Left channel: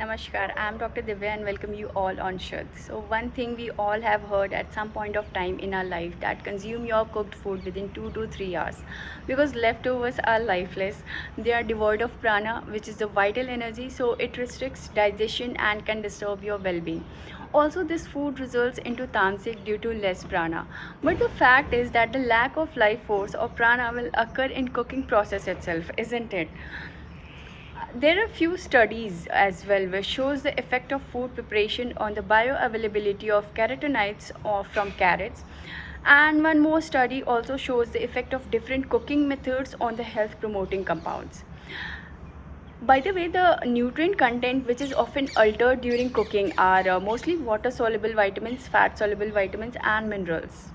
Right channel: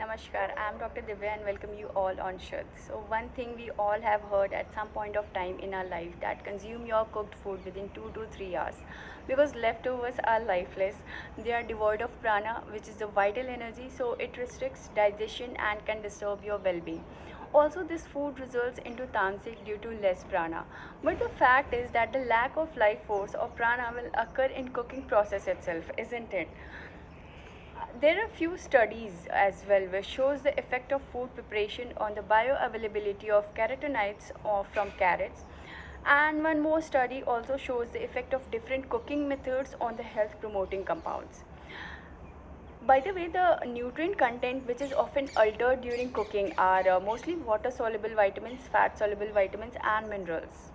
Namaskar, I am Dr. Divya and welcome you all on Shud. So one thing we all have heard at some point of time in our life that consume your cooked food within 2 to 3 hours because leftovers are lifeless. They are devoid of prana, which is the vital energy, so it restricts digestion and can disturb your well-being. Also, this food results into tamasic due to less prana. But the fact is that the lack of life force or prana will occur in cooking process itself, isn't it? There are few studies as well which shows the effect of food preparation on the bioavailability of carotenoids or from carrots, and one more study also shows the effect of different cooking methods on the health promoting compounds. By the way, the nutrient content which is often altered during cooking are mostly water soluble vitamins, fat soluble vitamins and minerals.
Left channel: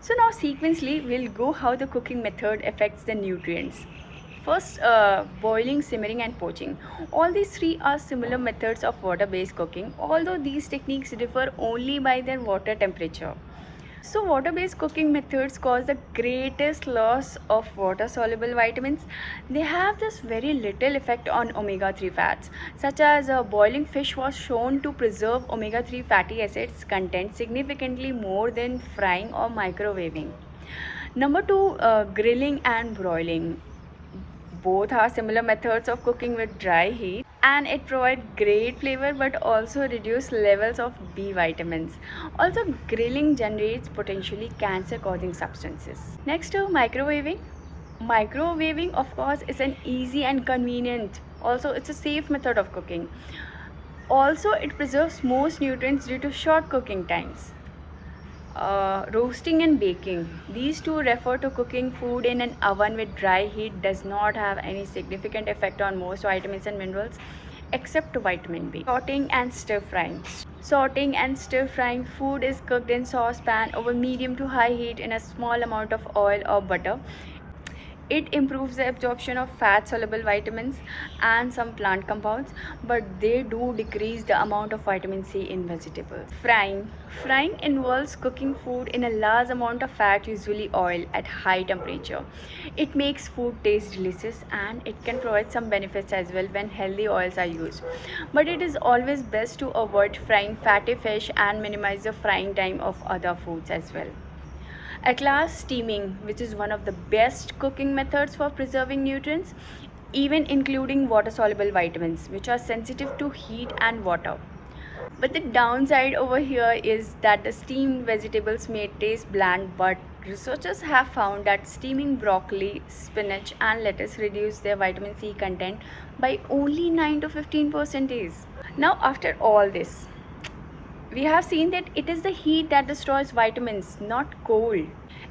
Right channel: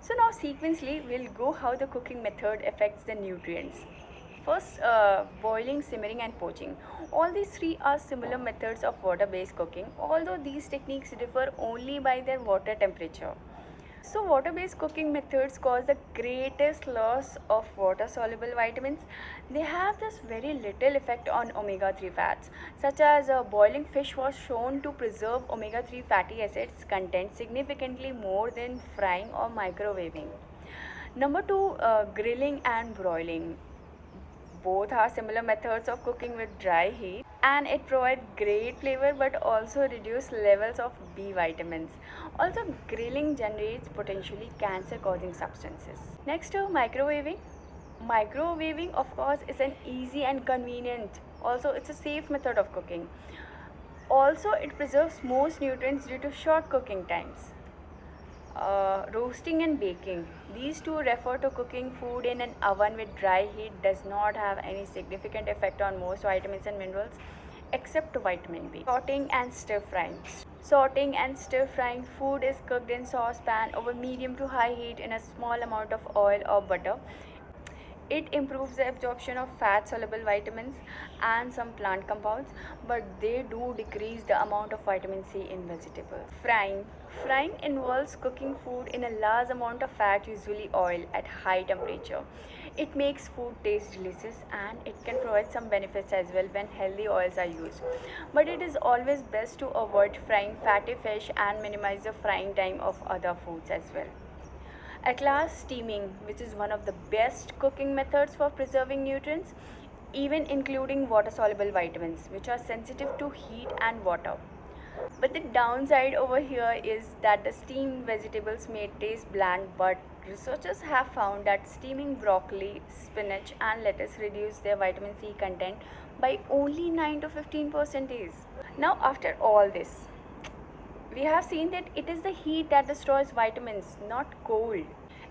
So now sequentially we'll go how the cooking method affects the nutrients. First, boiling, simmering and poaching. All these three are similar methods of water-based cooking, although these techniques differ only by their water temperature. So water-based cooking methods cause the greatest loss of water-soluble vitamins. They have this very little effect on omega-3 fats, such as boiling fish was shown to preserve omega-3 fatty acids content significantly more than frying or microwaving. Number two, grilling and broiling. Both are similar methods of cooking with dry heat and it provides great flavor but also reduce levels of B vitamins. Also, grilling generates potentially cancer causing substances. Next to microwaving. Microwaving of course is an easy and convenient. Also, it's a safe method of cooking. Also, it preserves most nutrients due to short cooking times. Roasting and baking. These two refer to cooking food in an oven with dry heat does not have any significant effect on most vitamins and minerals except vitamin B. Sauteing and stir frying. Sauteing and stir frying. Food is cooked in saucepan over medium to high heat in a small amount of oil or butter. It improves the absorption of fat soluble vitamins and some plant compounds, but they do decrease the amount of vitamin C in vegetables. Frying. Frying involves cooking food in a large amount of fat, usually oil, at high temperature. It makes food taste delicious and it can provide some benefits as well when healthy oils are used. But it is always best to avoid frying fatty fish and minimize the frying time of other foods as well. At last, steaming, which is one of the best cooking methods for preserving nutrients, even including water-soluble vitamins, which are sensitive to heat and water. But the downside over here is that the steamed vegetables may taste bland, but researchers have found that steaming broccoli, spinach and lettuce reduce their vitamin C content by only 9 to 15%. Now, after all this, we have seen that it is the heat that destroys vitamins, not cold.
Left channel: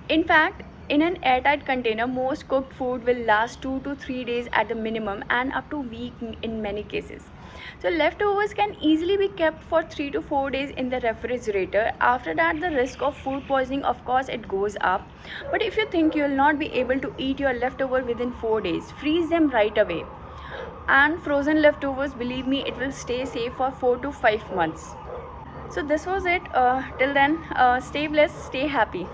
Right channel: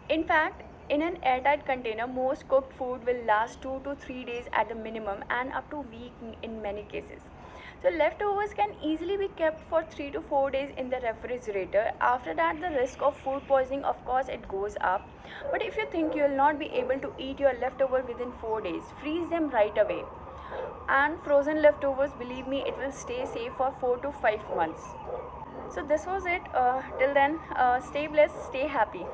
In fact, in an airtight container, most cooked food will last 2 to 3 days at the minimum and up to a week in many cases. So leftovers can easily be kept for 3 to 4 days in the refrigerator. After that, the risk of food poisoning, of course, it goes up. But if you think you will not be able to eat your leftover within 4 days, freeze them right away. And frozen leftovers, believe me, it will stay safe for 4 to 5 months. So this was it. Till then, stay blessed, stay happy.